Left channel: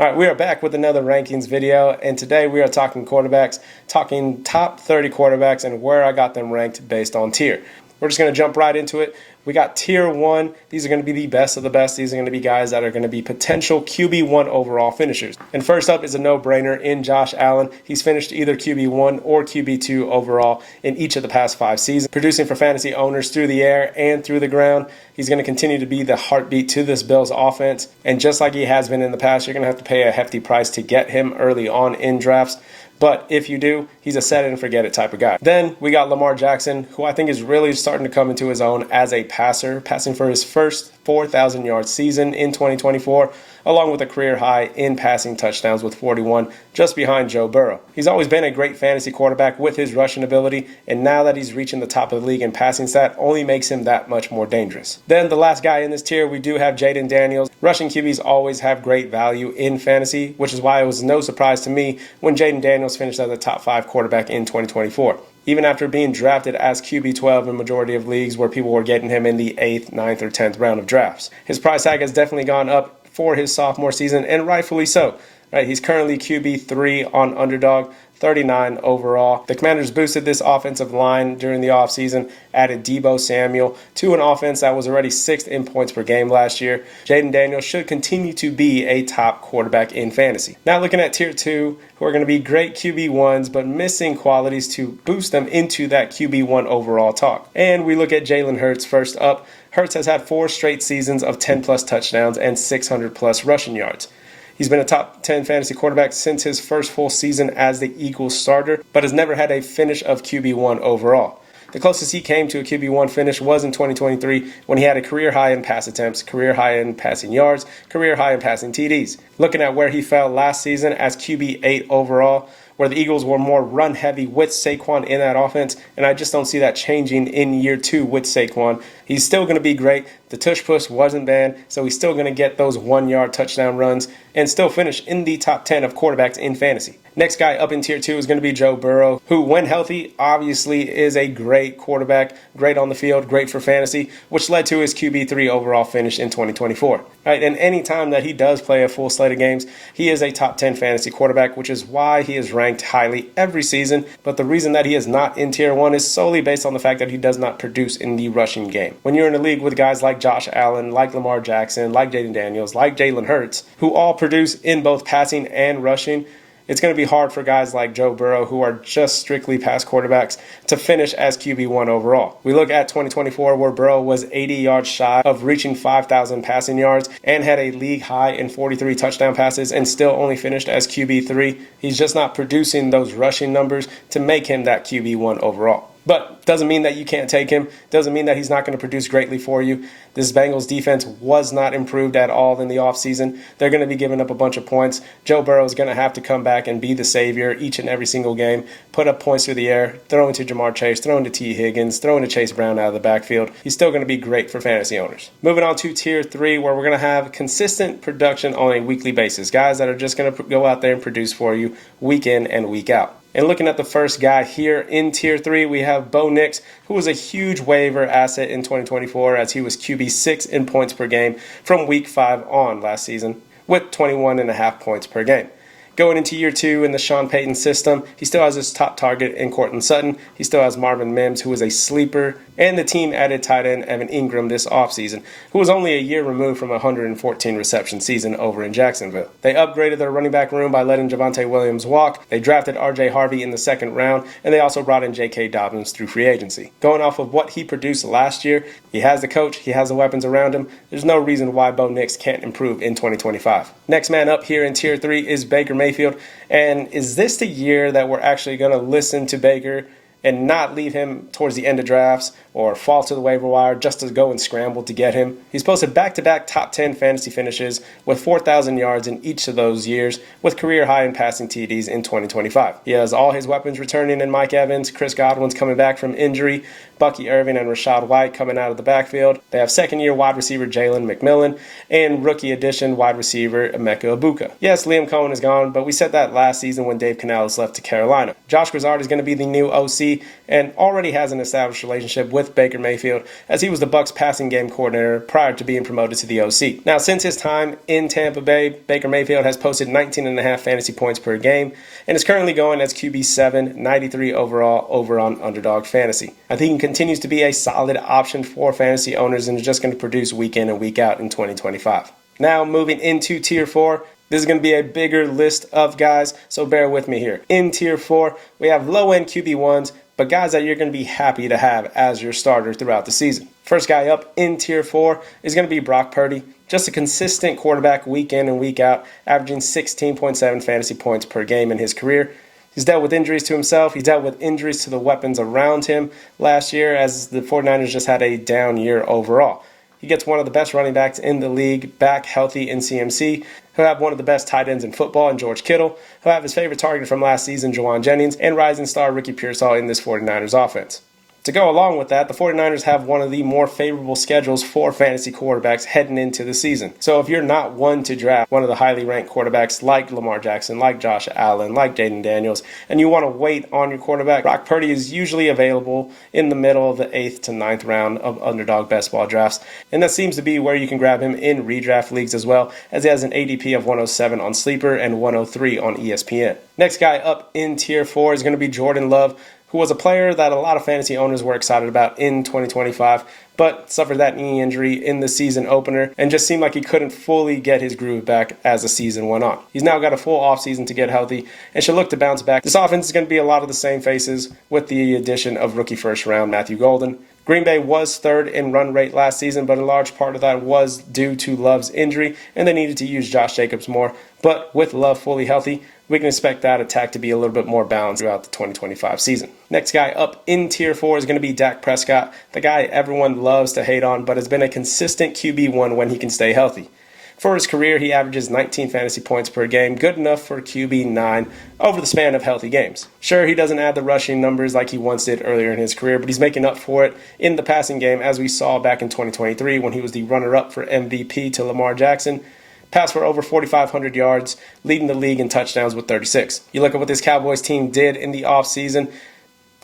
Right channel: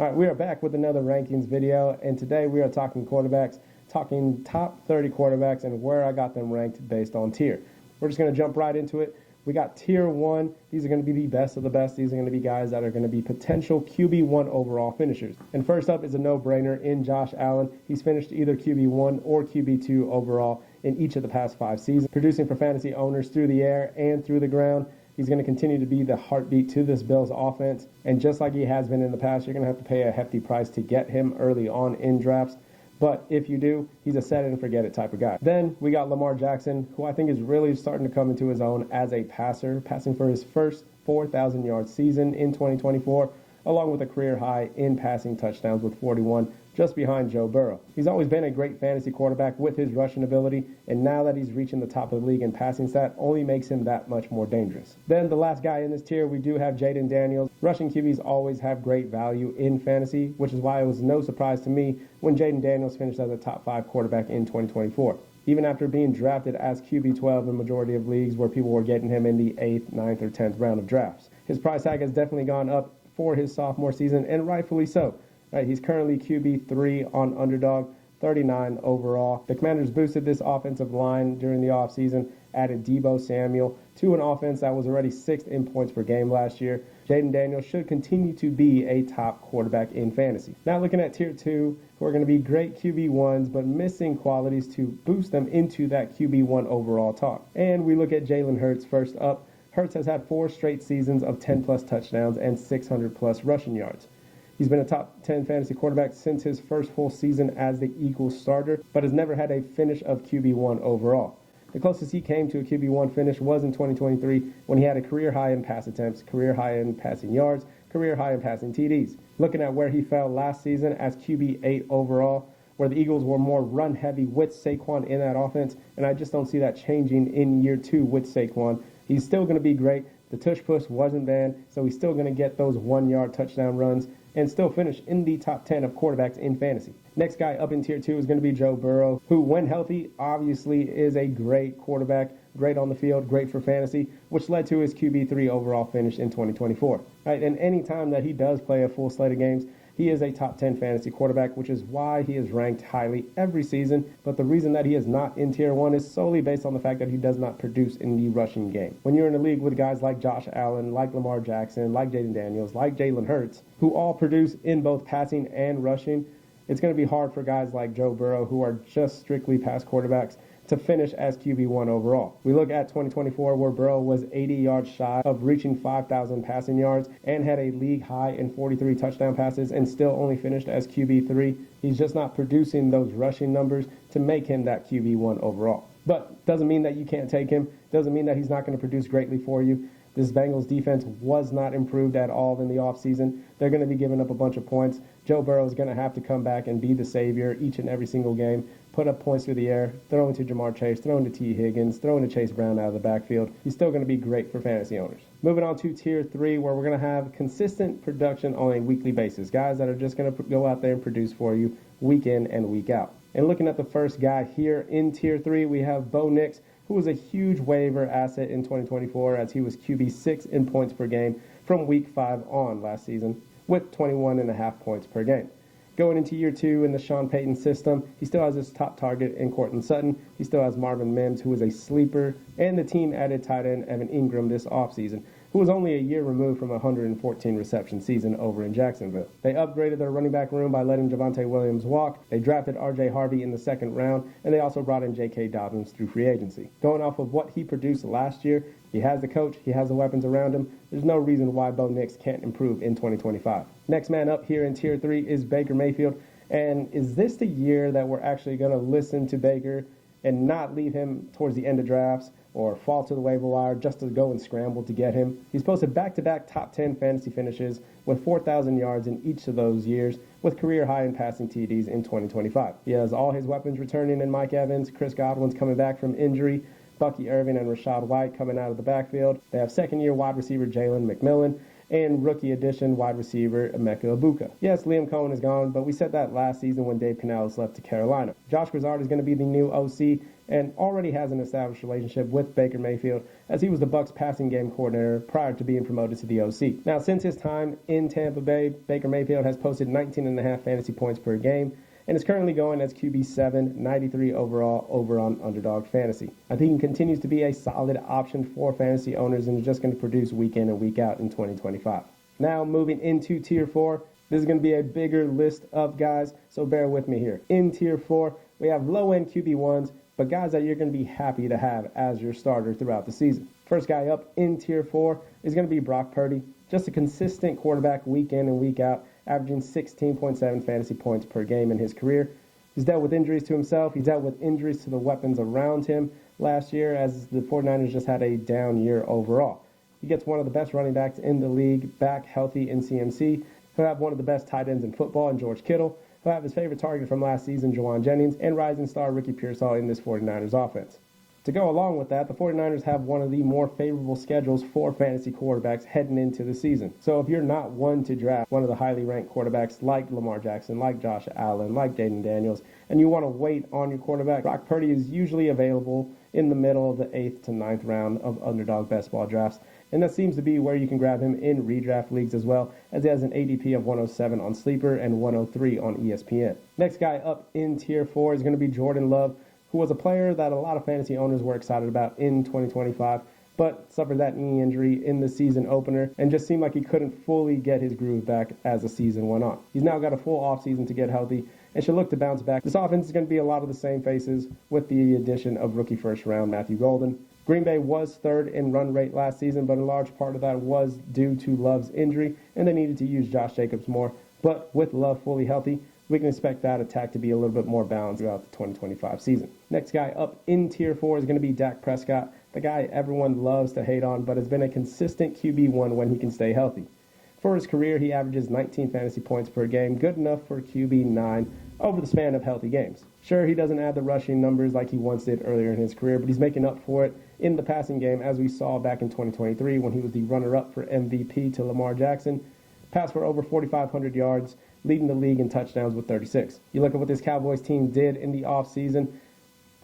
All right, we are back with another rankings video, and today we are talking quarterbacks, talking top 30 quarterbacks and where I got them ranked based on tier. We're just going to jump right into it. We got tier 1. These are going to be the best of the best. These are going to be guys that are going to be potential QB1 overall finishers. And first up is a no-brainer in Josh Allen. He's finished either QB1 or QB2 overall in each of the past 5 seasons, producing for fantasy owners through the air and through the ground. He's going to continue to be the heartbeat to this Bills offense. And just like he has been in the past, you're going to have to pay a hefty price to get him early on in drafts. But if you do, he's a set it and forget it type of guy. Then we got Lamar Jackson, who I think is really starting to come into his own as a passer, passing for his first 4,000-yard season in 2024, along with a career high in passing touchdowns with 41, just behind Joe Burrow. He's always been a great fantasy quarterback with his rushing ability, and now that he's reaching the top of the league in passing stat, only makes him that much more dangerous. Then the last guy in this tier, we do have Jayden Daniels. Rushing QBs always have great value in fantasy, which is why it was no surprise to me when Jayden Daniels finished as a top 5 quarterback in 2024. Even after being drafted as QB12 in a majority of leagues where people were getting him in the 8th, 9th, or 10th round of drafts. His price tag has definitely gone up for his sophomore season, and rightfully so. Right, he's currently QB3 on Underdog, 39 overall. The Commanders boosted this offensive line during the offseason, added Deebo Samuel to an offense that was already 6th in points per game last year. Jayden Daniels should continue to be a top quarterback in fantasy. Now looking at tier 2, who are going to be great QB1s, but missing qualities to boost them into that QB1 overall talk. And we look at Jalen Hurts first up. Hurts has had 4 straight seasons of 10-plus touchdowns and 600-plus rushing yards. He's been a top 10 fantasy quarterback since his first full season as the Eagles starter, but has never had a finish of QB1 overall. The closest he came to a QB1 finish was in 2023 when he had a career high in pass attempts, career high in passing yards, career high in passing TDs. Looking at where he fell last season as QB8 overall, where the Eagles were more run-heavy with Saquon in that offense, and I just don't see that changing in year 2 with Saquon. He's still going to be great. The tush-push wasn't banned, so he's still going to get those 1-yard touchdown runs and still finish in the top 10 of quarterbacks in fantasy. Next guy up in tier 2 is going to be Joe Burrow, who, when healthy, obviously is a great quarterback, great on the field, great for fantasy, which led to his QB3 overall finish in 2024. Right, and any time that he does play a full slate of games, he is a top 10 fantasy quarterback, which is why he is ranked highly every season. But the reason that he is not in tier 1 is solely based on the fact that he does not produce in the rushing game. When you're in a league with guys like Josh Allen, like Lamar Jackson, like Jayden Daniels, like Jalen Hurts, who all produce in both passing and rushing, it's going to be hard for guys like Joe Burrow, who are just strictly pass quarterbacks, to finish as QB1 overall. We look at 2024, where Burrow was 80 yards shy of reaching 5,000 passing yards and had a league high in 43 touchdown passes and still only finished as QB3. He's just not producing those rushing numbers to make him that QB1 overall. But doesn't mean that you can't take him. Doesn't mean that he's not going to produce greatly for you. This Bengals defense was not improved at all in the offseason. They're going to be giving up a bunch of points. Joe Burrow is going to have to come back and be the savior each and every single game, put up points through the air, throwing to Jamar Chase, throwing to T. Higgins, throwing to Chase Brown out of the backfield. He's still going to be great for fantasy owners. Moving on to tier 3, where we're going to have consistent production on a weekly basis. Guys that are just going to go out there and produce for you week in and week out. And looking at the first guy here in tier 3, we have Bo Nix, who was a huge waiver asset in 2024 as he was QB6 in points per game from week 5 on last season with 21.5 points per game. Going into year 2 in the Sean Payton system, he still has his top target in Courtland Sutton. He still has Marvin Mims, who is a sleeper. And the team added tight end Evan Ingram this offseason, who was only a year removed from a 114 reception season over in Jacksonville. They upgraded their running back room by letting Javonte Williams walk. They drafted R.J. Harvey in the 2nd round, and they also brought in J.K. Dobbins through free agency. Going off of what he produced last year, he has the coach, he has the weapons around him. There's no reason why Bo Nix can't improve in 2025. Next man up here in tier 3 is Baker Mayfield. And is this the year that we're actually going to listen to Baker and not leave him towards the end of drafts or fall to the waiver wire just to go and scramble to get him? He's posted back-to-back top 10 fantasy finishes with 4,000 yards in each of those years with career high in passing TDs in 2025. He has all his weapons returning in Mike Evans, Chris Godwin's coming back from injury, Bucky Irving and Rachaad White coming out of the backfield. They have second-year wide receiver Jalen McMillan and rookie addition wide receiver Emeka Egbuka. Yes, Liam Cohen is gone, but we said that last season when Dave Canales left to Carolina. Josh Grizzard is going to be the new OC, and already has an established relationship with Baker Mayfield, as he was the Bucs passing game coordinator prior to being promoted to the OC. Now, since his time in Tampa Bay, Baker Mayfield has posted 19.5 fantasy points per game and is currently going as QB7, 93 overall over on Underdog Fantasy. I think he continues to be a solid option for fantasy owners and is just going to produce week in and week out in 2025. Now, moving into Tier 4, this is going to be a bigger list of guys, so bear with me here. In Tier 4, we have low-end QB1s, but guys that you're going to be happy to have as your starter throughout the season. First guy up in Tier 4 is going to be Brock Purdy. Just a consistent quarterback week in and week out, averaging 16.7 fantasy points per game in his career. He's dealt with injuries to himself. He's dealt with injuries to the weapons around him last year, as the 49ers just had a down year overall. He gets one of the best running backs in the league back healthy in CMC. He'll have one of the best tight ends in football in George Kittle. He'll have his favorite target from last season, Jawan Jennings, and rising star Ricky Pearsall in this 49ers offense. To go along with that, the 49ers have one of the more favorable schedules for fantasy quarterbacks heading into the season. So if you're not one to draft one of the highly ranked quarterbacks like Lamar Jackson, like Josh Allen, like Jaden Daniels, and you want to wait on your quarterback, Brock Purdy is usually available in the middle of the 8th to 9th round of Underdog Best Ball drafts. And that seems to be where you can grab him in redraft leagues as well, as he has an ADP of 107 on Sleeper and 103 on ESPN. Next guy up in Tier 4 is going to be Jordan Love, who was a player that a lot of fantasy owners were excited about in 2025, but suffered that knee injury in the season opener and just seemed like he couldn't fully get his groove back as the season went on. He's now got a full offseason to get healthy and should look to bounce back. This offense is going to be a lot of the same faces with the addition of rookie first round Matthew Golden. Green Bay was third in run rate last season, but a large part of that was due to Love's injury, and they needed to use Josh Jacobs more. But with Love fully healthy, we can expect that attack to be a little bit more balanced throughout the 2025 season. Next guy up in Tier 4 is going to be Dak Prescott, the guy everyone loves to hate on, but has been a consistent QB1 when he can stay healthy. For his career, he averages 19 fantasy points per game, good enough for QB9 over the span of healthy games. Sure, he doesn't add the rushing numbers like he once did earlier in his career, but he's making up for it in the passing game, as we saw back in 2023 when he was the runner-up for MVP to Lamar Jackson. Passed for over 4,500 yards, leading the league in touchdowns with 36. You look at what this Cowboys team did in the offseason.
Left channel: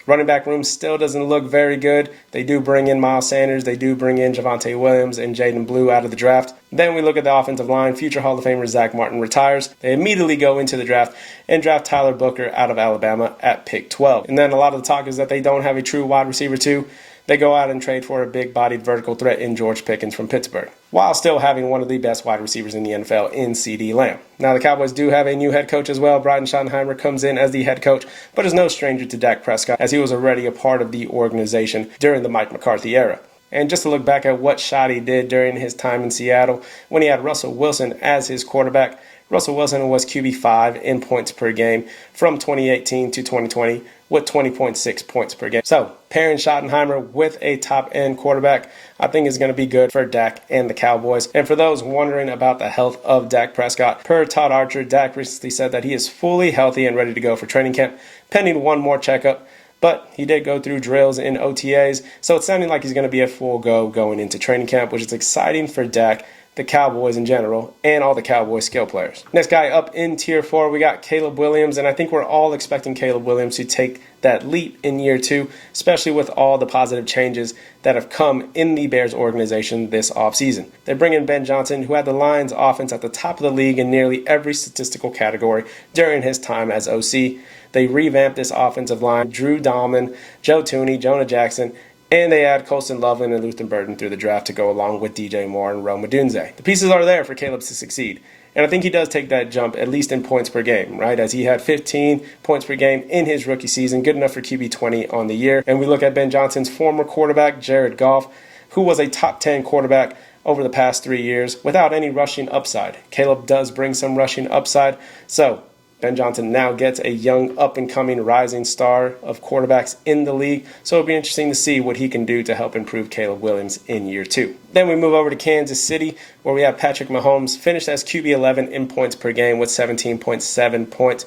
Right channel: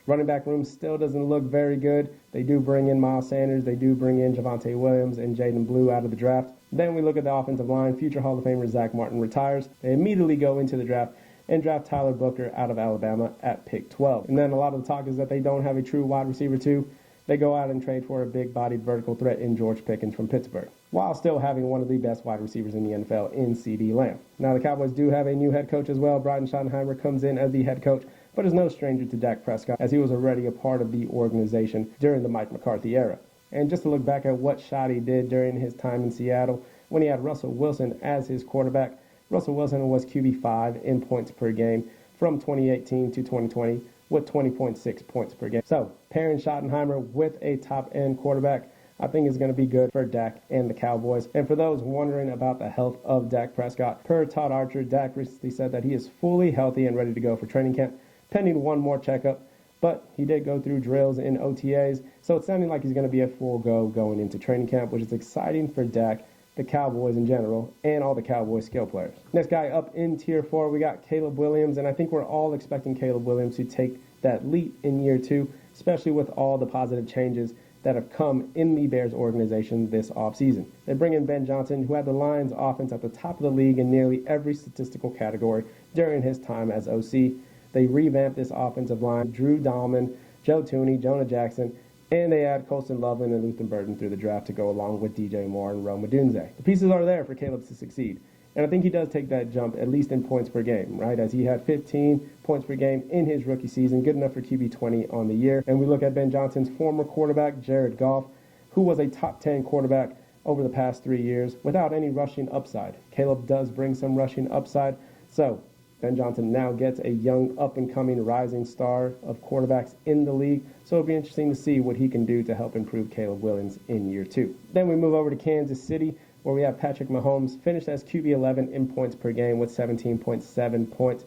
Running back room still doesn't look very good. They do bring in Miles Sanders. They do bring in Javonte Williams and Jaden Blue out of the draft. Then we look at the offensive line. Future Hall of Famer Zach Martin retires. They immediately go into the draft and draft Tyler Booker out of Alabama at pick 12. And then a lot of the talk is that they don't have a true wide receiver too. They go out and trade for a big-bodied vertical threat in George Pickens from Pittsburgh, while still having one of the best wide receivers in the NFL in CeeDee Lamb. Now, the Cowboys do have a new head coach as well. Brian Schottenheimer comes in as the head coach, but is no stranger to Dak Prescott, as he was already a part of the organization during the Mike McCarthy era. And just to look back at what Schotty did during his time in Seattle, when he had Russell Wilson as his quarterback, Russell Wilson was QB5 in points per game from 2018 to 2020 with 20.6 points per game. So, pairing Schottenheimer with a top-end quarterback, I think is going to be good for Dak and the Cowboys. And for those wondering about the health of Dak Prescott, per Todd Archer, Dak recently said that he is fully healthy and ready to go for training camp, pending one more checkup. But he did go through drills in OTAs, so it's sounding like he's going to be a full go going into training camp, which is exciting for Dak, the Cowboys in general, and all the Cowboys skill players. Next guy up in Tier 4, we got Caleb Williams, and I think we're all expecting Caleb Williams to take that leap in year 2, especially with all the positive changes that have come in the Bears organization this offseason. They bring in Ben Johnson, who had the Lions offense at the top of the league in nearly every statistical category during his time as OC. They revamped this offensive line, Drew Dahlman, Joe Thuney, Jonah Jackson, and they add Colston Loveland and Luther Burden through the draft to go along with DJ Moore and Rome Odunze. The pieces are there for Caleb to succeed. And I think he does take that jump, at least in points per game, right? As he had 15 points per game in his rookie season, good enough for QB 20 on the year. And we look at Ben Johnson's former quarterback, Jared Goff, who was a top 10 quarterback over the past 3 years without any rushing upside. Caleb does bring some rushing upside. So Ben Johnson now gets a young, up-and-coming, rising star of quarterbacks in the league, so it'll be interesting to see what he can do to help improve Caleb Williams in year 2. Then we move over to Kansas City, where we have Patrick Mahomes, finished as QB11 in points per game with 17.7 points,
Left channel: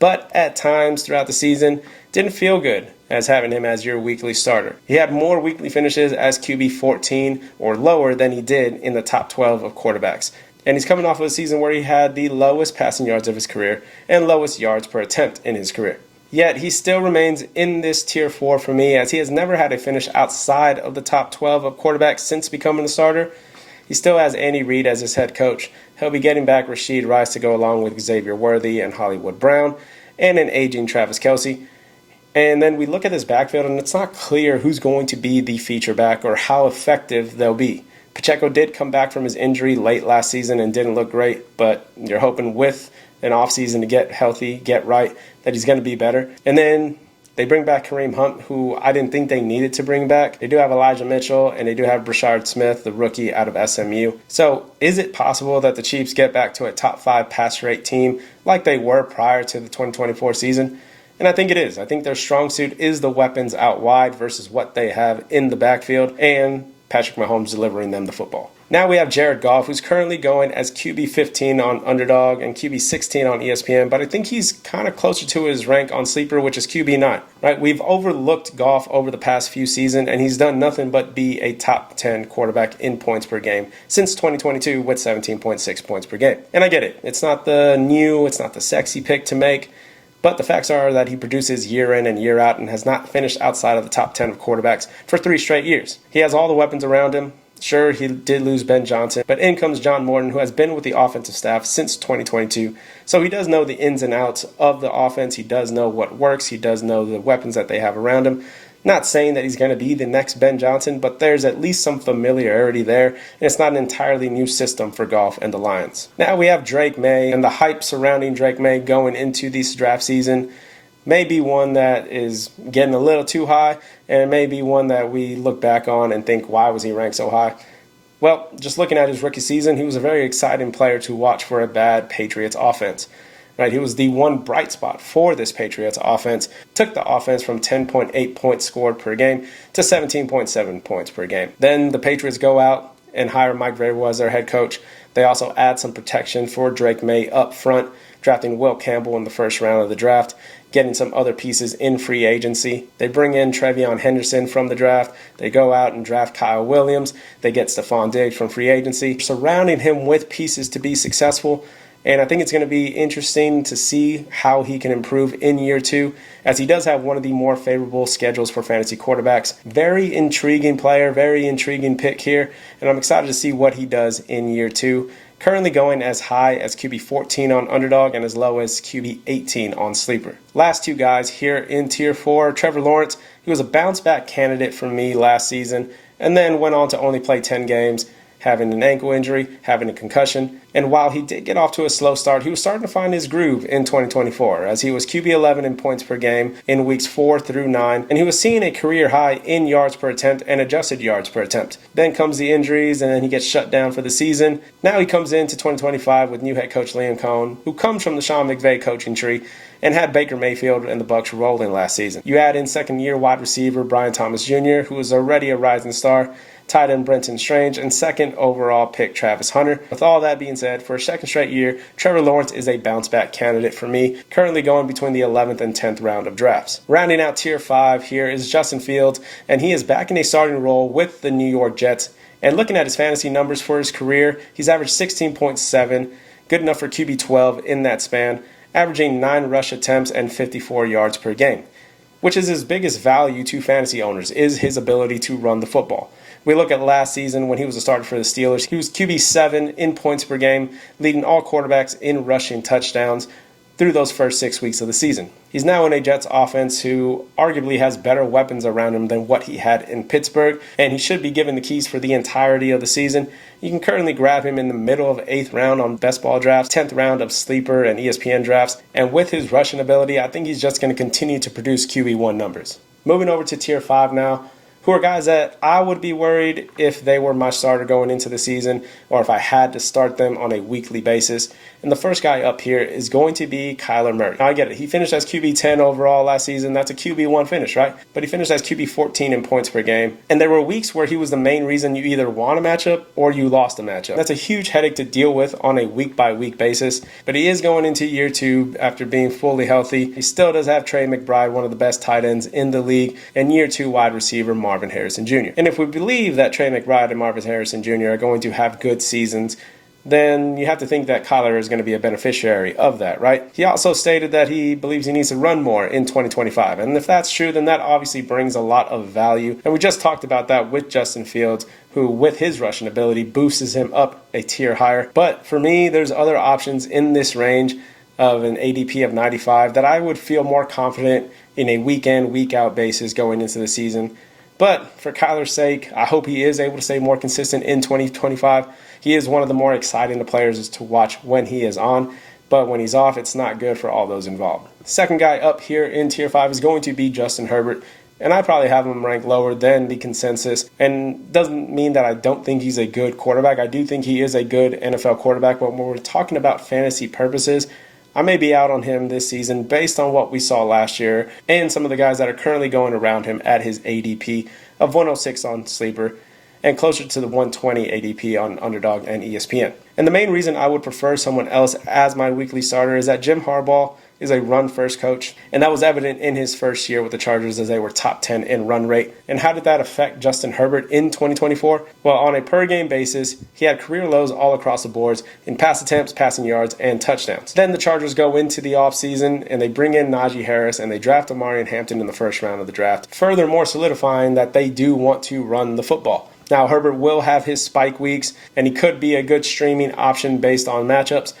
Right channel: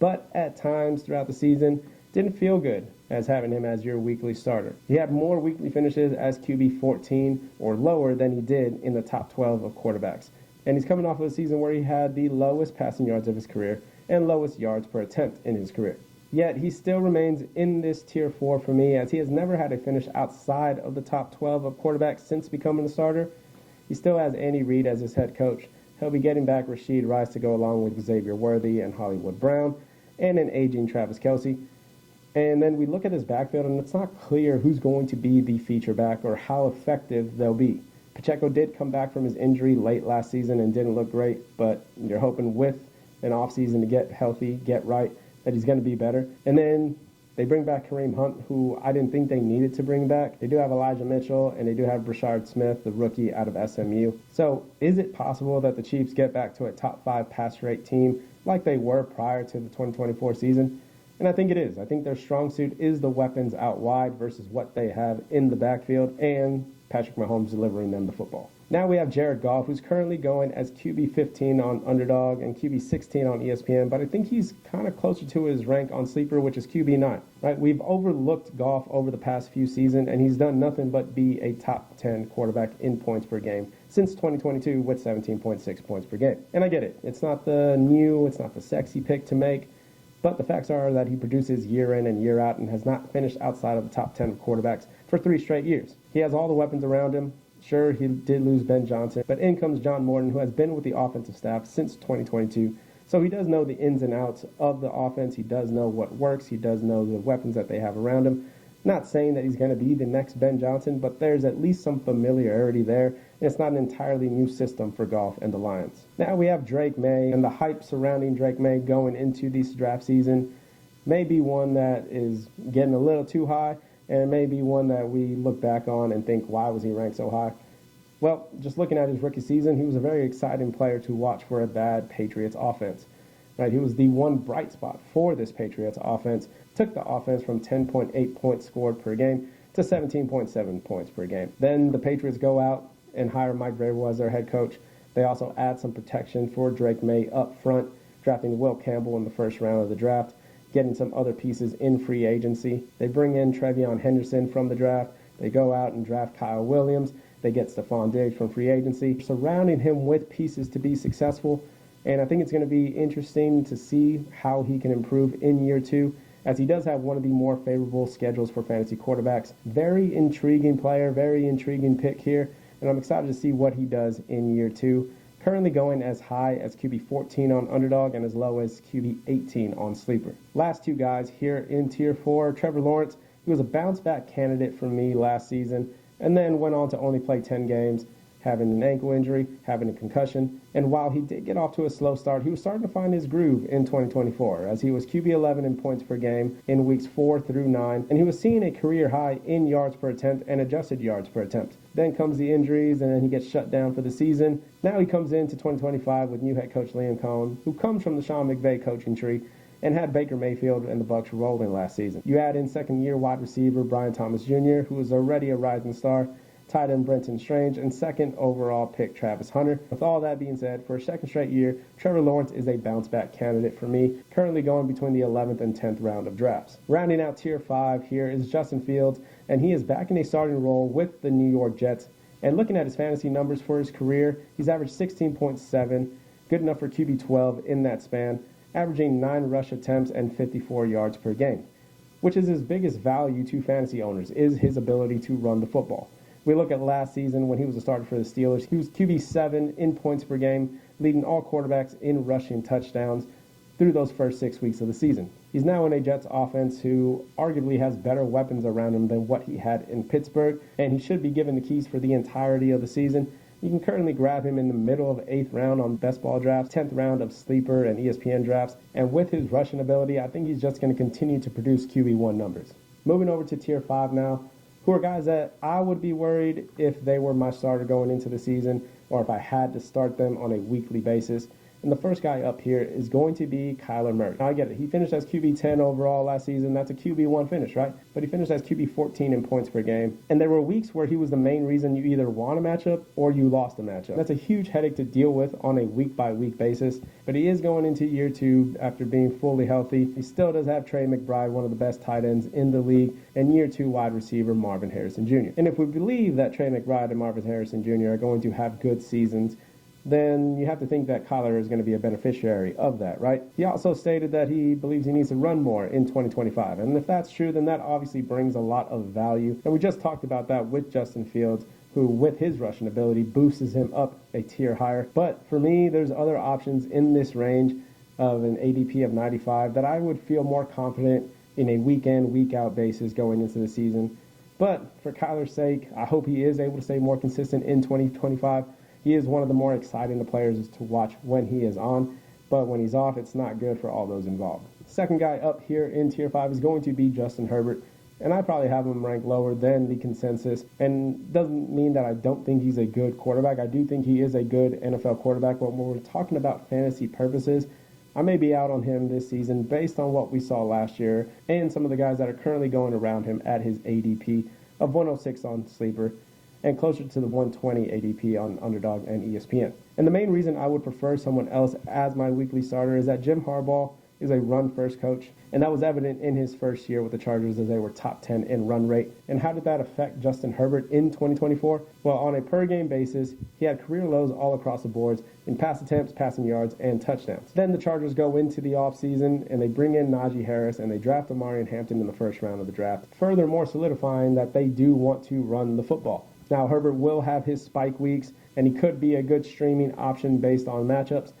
but at times throughout the season, didn't feel good as having him as your weekly starter. He had more weekly finishes as QB14 or lower than he did in the top 12 of quarterbacks. And he's coming off of a season where he had the lowest passing yards of his career and lowest yards per attempt in his career. Yet he still remains in this tier 4 for me, as he has never had a finish outside of the top 12 of quarterbacks since becoming a starter. He still has Andy Reid as his head coach. He'll be getting back Rashid Rice to go along with Xavier Worthy and Hollywood Brown, and an aging Travis Kelce. And then we look at this backfield, and it's not clear who's going to be the feature back or how effective they'll be. Pacheco did come back from his injury late last season and didn't look great, but you're hoping with an offseason to get healthy, get right, that he's going to be better. And then they bring back Kareem Hunt, who I didn't think they needed to bring back. They do have Elijah Mitchell, and they do have Brashard Smith, the rookie out of SMU. So is it possible that the Chiefs get back to a top 5 pass rate team like they were prior to the 2024 season? And I think it is. I think their strong suit is the weapons out wide versus what they have in the backfield, and Patrick Mahomes delivering them the football. Now we have Jared Goff, who's currently going as QB 15 on Underdog and QB 16 on ESPN, but I think he's kind of closer to his rank on Sleeper, which is QB 9. Right? We've overlooked Goff over the past few seasons, and he's done nothing but be a top 10 quarterback in points per game since 2022 with 17.6 points per game. And I get it. It's not the sexy pick to make, but the facts are that he produces year in and year out and has not finished outside of the top 10 of quarterbacks for 3 straight years. He has all the weapons around him. Sure, he did lose Ben Johnson, but in comes John Morton, who has been with the offensive staff since 2022. So he does know the ins and outs of the offense. He does know what works. He does know the weapons that they have around him. Not saying that he's going to be the next Ben Johnson, but there's at least some familiarity there, and it's not an entirely new system for Goff and the Lions. Now we have Drake May, and the hype surrounding Drake May going into this draft season may be one that is getting a little too high, and it may be one that we look back on and think, why was he ranked so high? Well, just looking at his rookie season, he was a very exciting player to watch for a bad Patriots offense. Right, he was the one bright spot for this Patriots offense. Took the offense from 10.8 points scored per game to 17.7 points per game. Then the Patriots go out and hire Mike Vrabel as their head coach. They also add some protection for Drake May up front, drafting Will Campbell in the first round of the draft, getting some other pieces in free agency. They bring in Trevion Henderson from the draft. They go out and draft Kyle Williams. They get Stephon Diggs from free agency, surrounding him with pieces to be successful. And I think it's going to be interesting to see how he can improve in year 2, as he does have one of the more favorable schedules for fantasy quarterbacks. Very intriguing player, very intriguing pick here, and I'm excited to see what he does in year 2. Currently going as high as QB 14 on Underdog and as low as QB 18 on Sleeper. Last 2 guys here in Tier 4, Trevor Lawrence. He was a bounce-back candidate for me last season, and then went on to only play 10 games, having an ankle injury, having a concussion. And while he did get off to a slow start, he was starting to find his groove in 2024, as he was QB 11 in points per game in weeks 4 through 9, and he was seeing a career high in yards per attempt and adjusted yards per attempt. Then comes the injuries, and then he gets shut down for the season. Now he comes into 2025 with new head coach Liam Cohen, who comes from the Sean McVay coaching tree, and had Baker Mayfield and the Bucs rolling last season. You add in second-year wide receiver Brian Thomas Jr., who was already a rising star, tight end Brenton Strange, and second overall pick Travis Hunter. With all that being said, for a second straight year, Trevor Lawrence is a bounce-back candidate for me, currently going between the 11th and 10th round of drafts. Rounding out Tier 5 here is Justin Fields, and he is back in a starting role with the New York Jets. And looking at his fantasy numbers for his career, he's averaged 16.7, good enough for QB 12 in that span, averaging 9 rush attempts and 54 yards per game, which is his biggest value to fantasy owners, is his ability to run the football. We look at last season when he was a starter for the Steelers. He was QB 7 in points per game, leading all quarterbacks in rushing touchdowns through those first 6 weeks of the season. He's now in a Jets offense who arguably has better weapons around him than what he had in Pittsburgh, and he should be given the keys for the entirety of the season. You can currently grab him in the middle of 8th round on best ball drafts, 10th round of Sleeper and ESPN drafts, and with his rushing ability, I think he's just going to continue to produce QB1 numbers. Moving over to Tier 5 now, who are guys that I would be worried if they were my starter going into the season, or if I had to start them on a weekly basis. And the first guy up here is going to be Kyler Murray. Now, I get it. He finished as QB 10 overall last season. That's a QB 1 finish, right? But he finished as QB 14 in points per game. And there were weeks where he was the main reason you either won a matchup or you lost a matchup. That's a huge headache to deal with on a week-by-week basis. But he is going into year 2 after being fully healthy. He still does have Trey McBride, one of the best tight ends in the league, and year 2 wide receiver Marvin Harrison Jr. And if we believe that Trey McBride and Marvin Harrison Jr. are going to have good seasons, then you have to think that Kyler is going to be a beneficiary of that, right? He also stated that he believes he needs to run more in 2025. And if that's true, then that obviously brings a lot of value. And we just talked about that with Justin Fields, who with his rushing ability boosts him up a tier higher. But for me, there's other options in this range of an ADP of 95 that I would feel more confident in a week in, week out basis going into the season. But for Kyler's sake, I hope he is able to stay more consistent in 2025. He is one of the more exciting players to watch when he is on, but when he's off, it's not good for all those involved. Second guy up here in tier 5 is going to be Justin Herbert, and I probably have him ranked lower than the consensus, and doesn't mean that I don't think he's a good quarterback. I do think he is a good NFL quarterback, but when we're talking about fantasy purposes, I may be out on him this season based on what we saw last year and some of the guys that are currently going around him at his ADP of 106 on Sleeper and closer to the 120 ADP on Underdog and ESPN. And the main reason I would prefer someone else as my weekly starter is that Jim Harbaugh is a run-first coach, and that was evident in his first year with the Chargers as they were top 10 in run rate. And how did that affect Justin Herbert in 2024? Well, on a per-game basis, he had career lows all across the boards in pass attempts, passing yards, and touchdowns. Then the Chargers go into the offseason, and they bring in Najee Harris, and they draft Omarion Hampton in the first round of the draft, furthermore solidifying that they do want to run the football. Now, Herbert will have his spike weeks, and he could be a good streaming option based on matchups.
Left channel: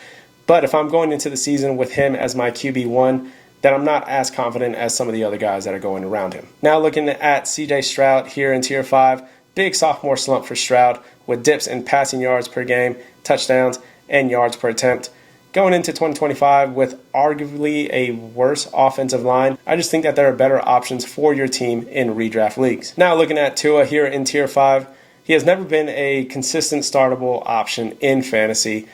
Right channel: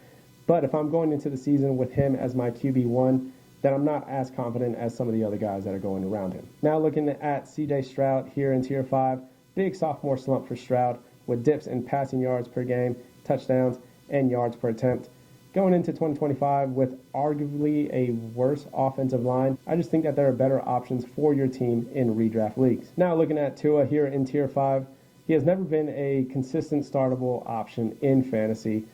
But if I'm going into the season with him as my QB1, then I'm not as confident as some of the other guys that are going around him. Now looking at CJ Stroud here in tier 5, big sophomore slump for Stroud with dips in passing yards per game, touchdowns, and yards per attempt. Going into 2025 with arguably a worse offensive line, I just think that there are better options for your team in redraft leagues. Now looking at Tua here in tier 5, he has never been a consistent startable option in fantasy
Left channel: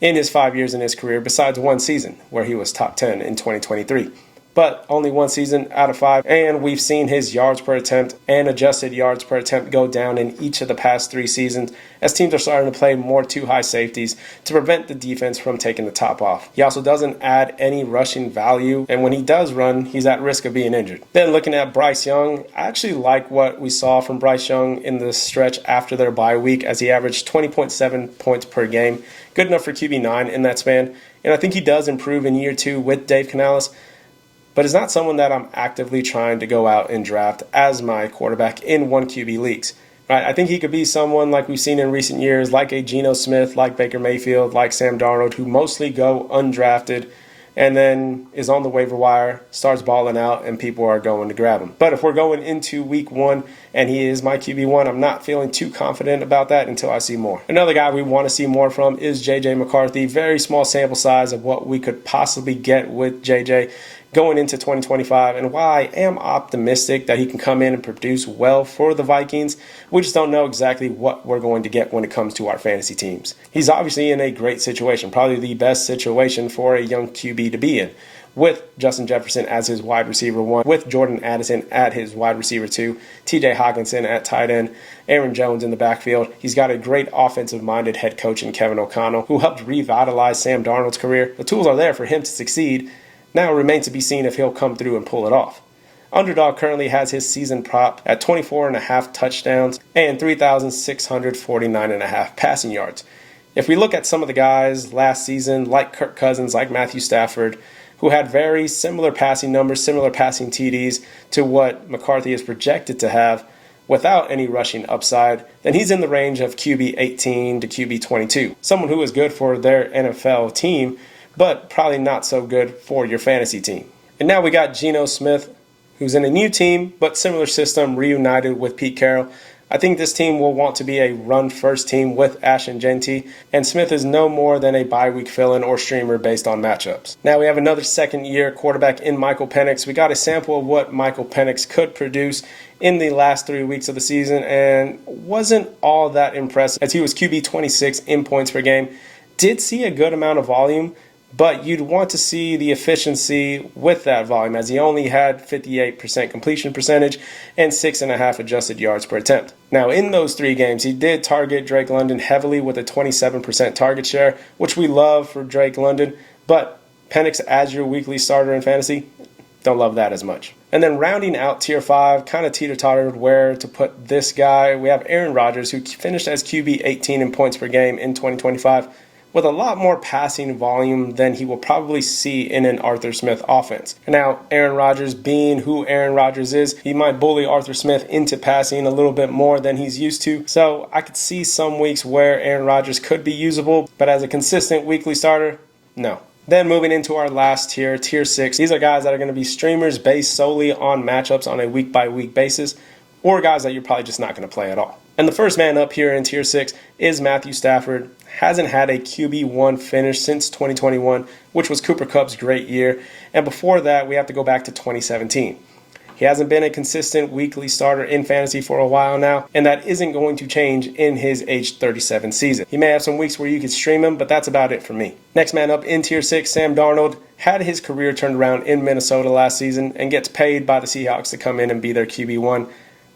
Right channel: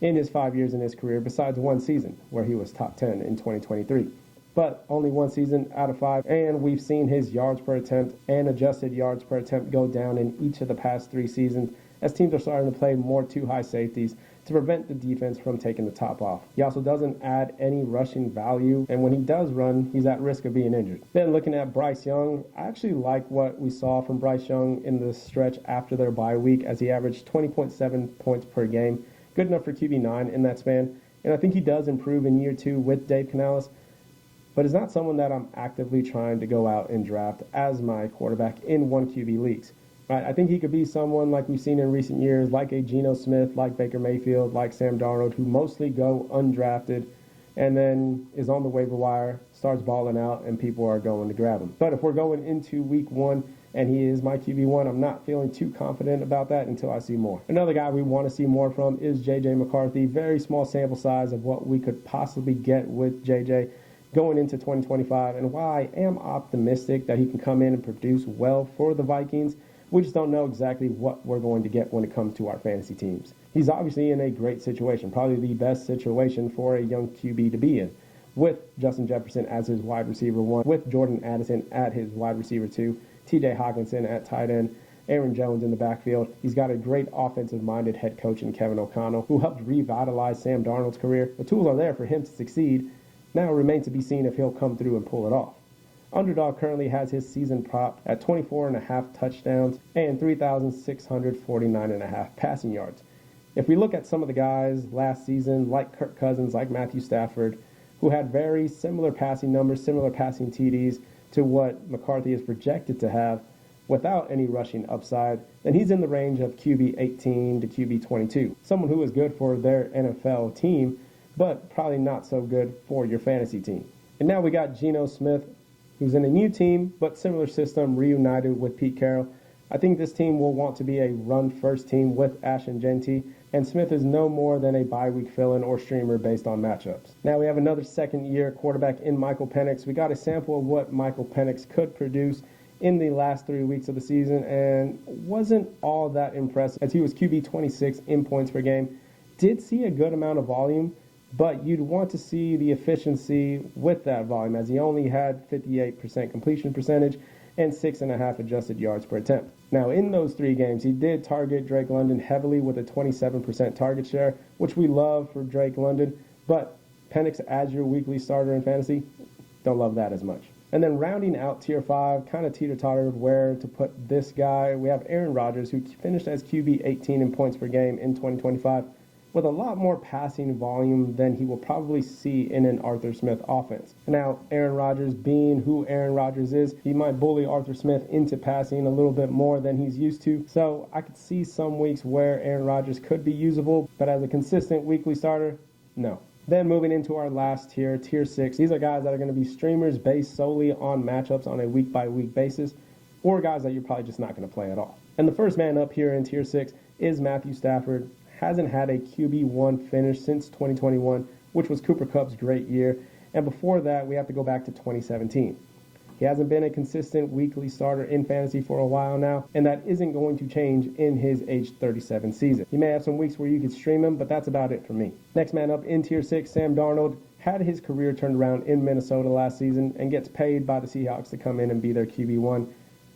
in his 5 years in his career, besides one season where he was top 10 in 2023. But only one season out of 5, and we've seen his yards per attempt and adjusted yards per attempt go down in each of the past 3 seasons as teams are starting to play more too high safeties to prevent the defense from taking the top off. He also doesn't add any rushing value, and when he does run, he's at risk of being injured. Then looking at Bryce Young, I actually like what we saw from Bryce Young in the stretch after their bye week as he averaged 20.7 points per game. Good enough for QB9 in that span, and I think he does improve in year 2 with Dave Canales, but is not someone that I'm actively trying to go out and draft as my quarterback in 1 QB leagues. Right? I think he could be someone like we've seen in recent years, like a Geno Smith, like Baker Mayfield, like Sam Darnold, who mostly go undrafted and then is on the waiver wire, starts balling out, and people are going to grab him. But if we're going into week 1 and he is my QB1, I'm not feeling too confident about that until I see more. Another guy we want to see more from is J.J. McCarthy. Very small sample size of what we could possibly get with J.J. going into 2025. And while I am optimistic that he can come in and produce well for the Vikings, we just don't know exactly what we're going to get when it comes to our fantasy teams. He's obviously in a great situation, probably the best situation for a young QB to be in, with Justin Jefferson as his wide receiver 1, with Jordan Addison at his wide receiver 2, TJ Hockenson at tight end, Aaron Jones in the backfield. He's got a great offensive-minded head coach in Kevin O'Connell, who helped revitalize Sam Darnold's career. The tools are there for him to succeed. Now it remains to be seen if he'll come through and pull it off. Underdog currently has his season prop at 24.5 touchdowns and 3,649.5 passing yards. If we look at some of the guys last season, like Kirk Cousins, like Matthew Stafford, who had very similar passing numbers, similar passing TDs to what McCarthy is projected to have without any rushing upside, then he's in the range of QB 18 to QB 22. Someone who is good for their NFL team, but probably not so good for your fantasy team. And now we got Geno Smith, who's in a new team, but similar system, reunited with Pete Carroll. I think this team will want to be a run-first team with Ashton Jeanty, and Smith is no more than a bye-week fill-in or streamer based on matchups. Now we have another second-year quarterback in Michael Penix. We got a sample of what Michael Penix could produce in the last 3 weeks of the season, and wasn't all that impressive as he was QB 26 in points per game. Did see a good amount of volume, but you'd want to see the efficiency with that volume as he only had 58% completion percentage and 6.5 adjusted yards per attempt. Now in those 3 games, he did target Drake London heavily with a 27% target share, which we love for Drake London, but Penix as your weekly starter in fantasy, don't love that as much. And then rounding out tier 5, kind of teeter-tottered where to put this guy. We have Aaron Rodgers, who finished as QB 18 in points per game in 2025. with a lot more passing volume than he will probably see in an Arthur Smith offense. And now, Aaron Rodgers being who Aaron Rodgers is, he might bully Arthur Smith into passing a little bit more than he's used to. So I could see some weeks where Aaron Rodgers could be usable, but as a consistent weekly starter, no. Then moving into our last tier, tier 6, these are guys that are going to be streamers based solely on matchups on a week-by-week basis, or guys that you're probably just not going to play at all. And the first man up here in tier 6 is Matthew Stafford. Hasn't had a QB1 finish since 2021, which was Cooper Kupp's great year. And before that, we have to go back to 2017. He hasn't been a consistent weekly starter in fantasy for a while now, and that isn't going to change in his age 37 season. He may have some weeks where you could stream him, but that's about it for me. Next man up in tier 6, Sam Darnold, had his career turned around in Minnesota last season and gets paid by the Seahawks to come in and be their QB1.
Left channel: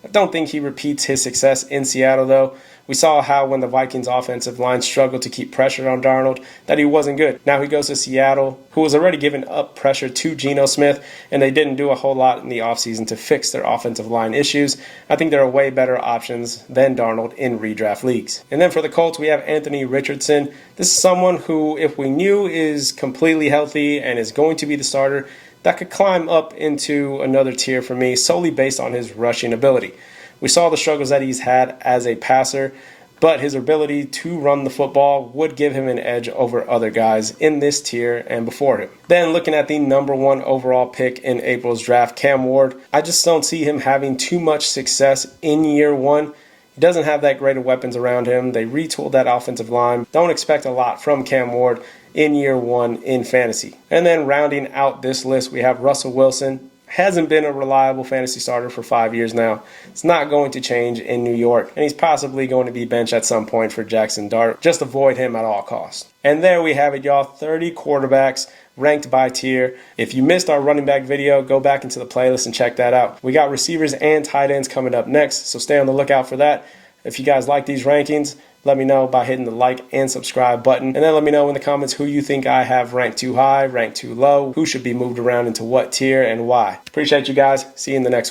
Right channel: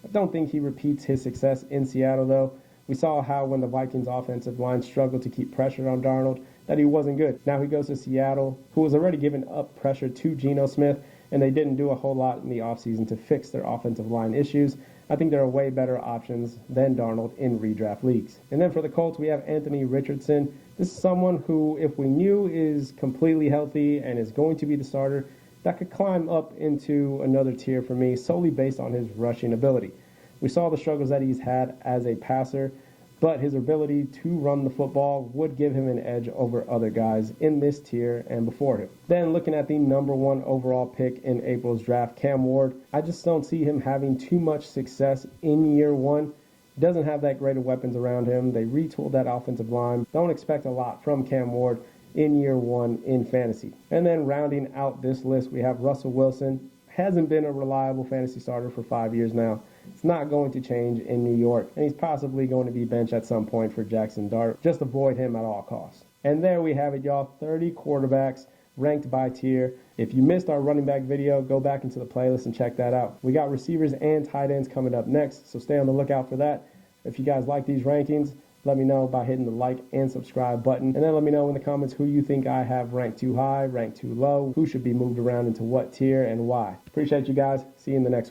I don't think he repeats his success in Seattle though. We saw how when the Vikings offensive line struggled to keep pressure on Darnold, that he wasn't good. Now he goes to Seattle, who was already giving up pressure to Geno Smith, and they didn't do a whole lot in the offseason to fix their offensive line issues. I think there are way better options than Darnold in redraft leagues. And then for the Colts, we have Anthony Richardson. This is someone who, if we knew is completely healthy and is going to be the starter, that could climb up into another tier for me solely based on his rushing ability. We saw the struggles that he's had as a passer, but his ability to run the football would give him an edge over other guys in this tier and before him. Then looking at the number 1 overall pick in April's draft, Cam Ward, I just don't see him having too much success in year 1. He doesn't have that great of weapons around him. They retooled that offensive line. Don't expect a lot from Cam Ward in year 1 in fantasy. And then rounding out this list, we have Russell Wilson. Hasn't been a reliable fantasy starter for 5 years now. It's not going to change in New York, and he's possibly going to be benched at some point for Jackson Dart. Just avoid him at all costs. And there we have it, y'all. 30 quarterbacks ranked by tier. If you missed our running back video, go back into the playlist and check that out. We got receivers and tight ends coming up next, so stay on the lookout for that. If you guys like these rankings, let me know by hitting the like and subscribe button. And then let me know in the comments who you think I have ranked too high, ranked too low, who should be moved around into what tier and why. Appreciate you guys. See you in the next one.